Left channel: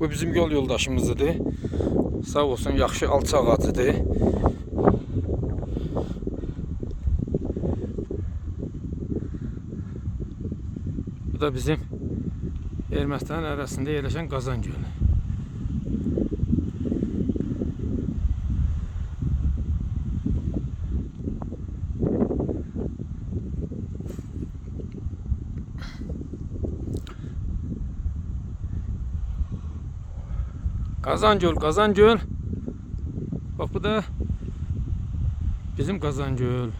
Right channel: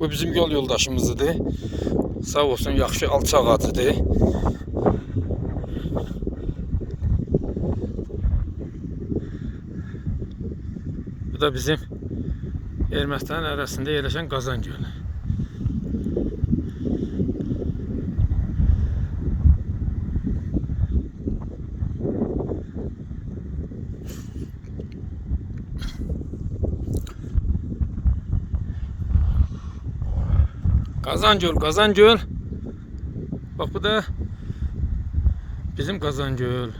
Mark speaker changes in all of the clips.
Speaker 1: Bu bizim yol yoldaşımızdır. Sağ olsun yaxşı alçaq atıdır. Bu da bizim Ermənistan arasında yerləşən Qazan Gölü. Kazancöl, Kazancöl. Bak bu da bizim Kazancöl.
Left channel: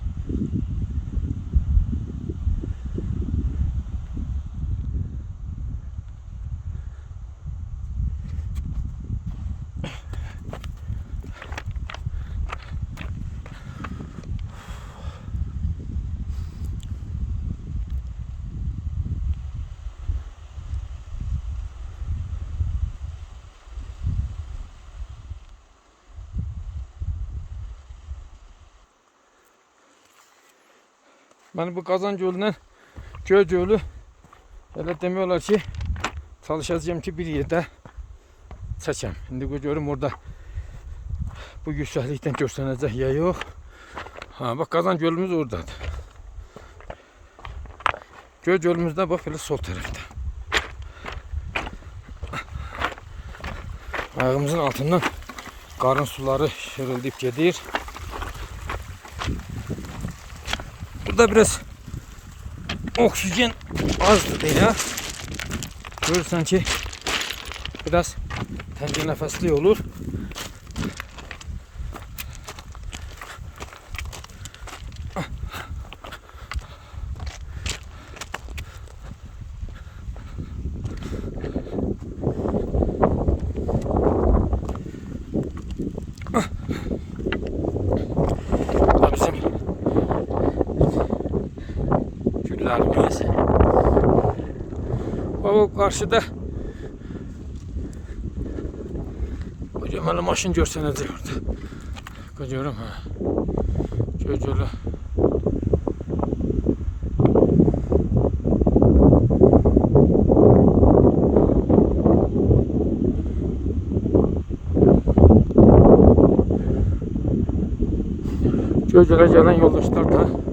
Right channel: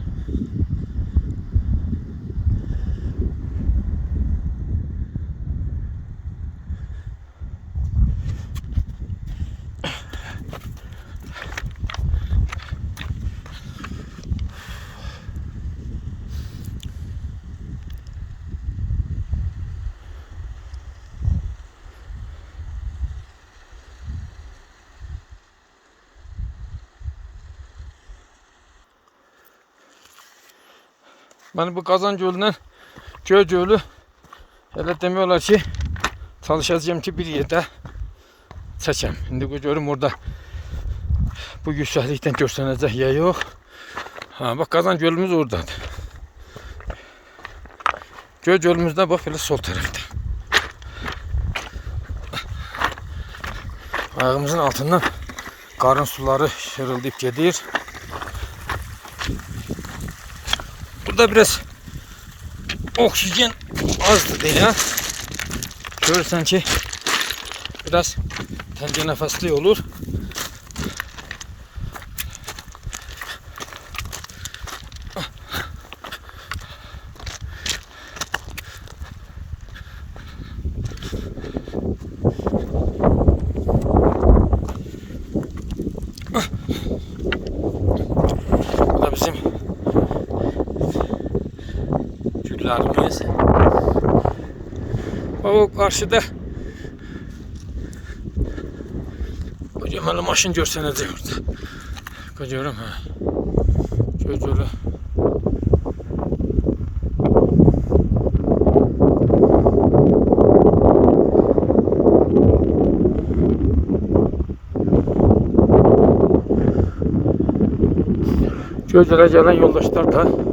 Speaker 1: Ben bu Kazancölü'nden Gölcölü hele demiyorlar ki çalışacağım ki bir yerde çəkəm. İndi görüm orada bu yüksəklikdən görsənəcək ya yox. Ha bak Kazan Gölümüz oradadır. Göl gölümüzdə bax belə sol tərəfdə. Ayağımızın altından qarın suları şırıldayıb gedir. Burada biraz oksijen azdı ya. Görürsen ki biraz tenge nefesli olur. Bu da bizim güllerimiz. O karşıda kocaman maşın görsənəcək orada. Görürüm ha. Gözələ. Gözələ gələn yoldaşlar da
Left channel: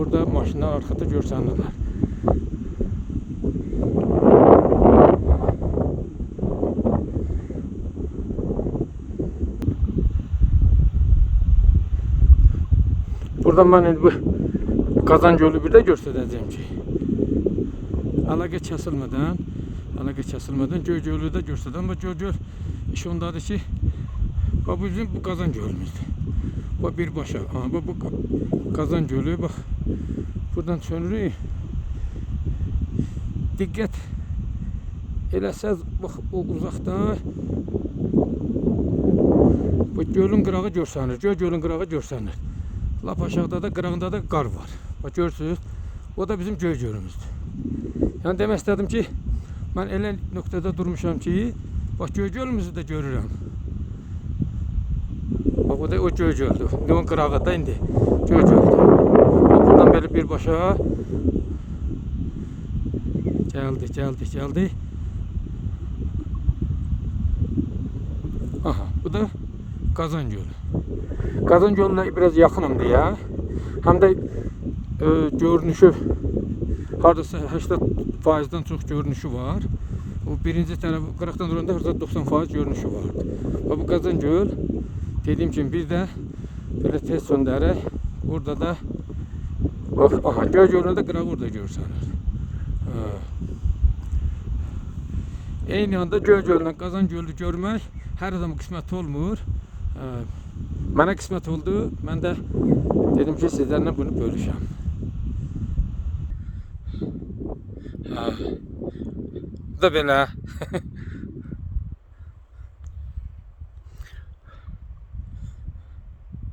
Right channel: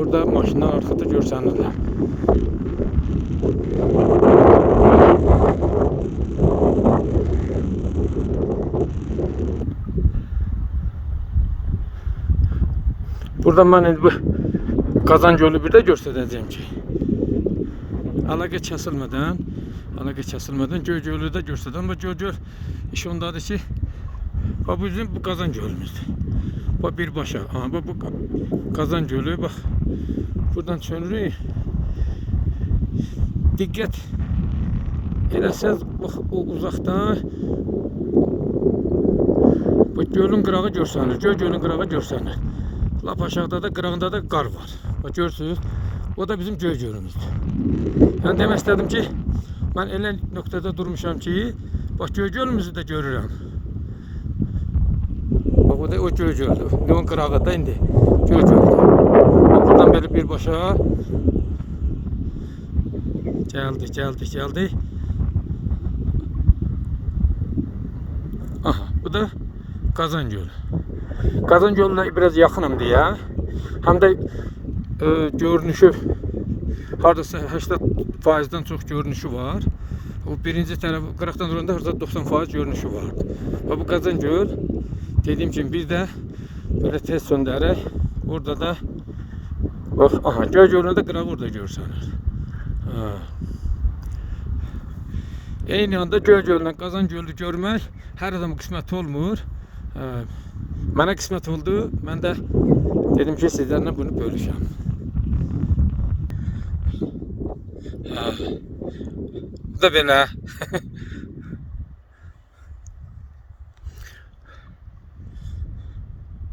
Speaker 1: Burada maşınlar arkada görsənirlər. Buradan ben indi bu Kazan Gölü bir de göstereceğim ki. Əlaqə kəsilmədən, əlaqə kəsilmədən Göy Gölü də göstərdim. Amma Göy Göl iş ondadır ki, bu bizim bu Kazan Gölümüzdür. Bak birbaşa. Aha bak bu Ka- Kazan Gölü bak. Buradan çönürük. Diqqət eləsəz bax o uzaqdan bu gölün qırağı görsənir. Göl gölün qırağı görsənir. Lap aşağıda da qırağında da qar var. Bax görürsüz. O da bizim göy gölümüzdür. Yəni demək istədim ki, mən elə nöqtədə durmuşam ki, bax göy gölümüzü də görürəm. Bak o da o göy göldü. Neon kırağı da indi. Göldü. Bak buradan böyle bir başa geldi geldi geldi. Aha bu da Kazan Gölü. Kazan Gölü'ne biraz yakınımdı ya. Hem de e, görünüşü hardasa 80%'dan çox görünüşü var. O birinci tərəf qıraqdan duranda hardasa 90% görünüşü. Və bu Kazan Göl Dediğim gibi bir de böyle test söndürerek burada da bak aha göl gölünde kırak orada görsenler. Eyni anda göl gölünden Kazan Gölü görmek her adamın kısmet olmur. Mənə qismət oldu. Mən də dedim ki, sizlərlə bunu bölüşəm. Bu da belə.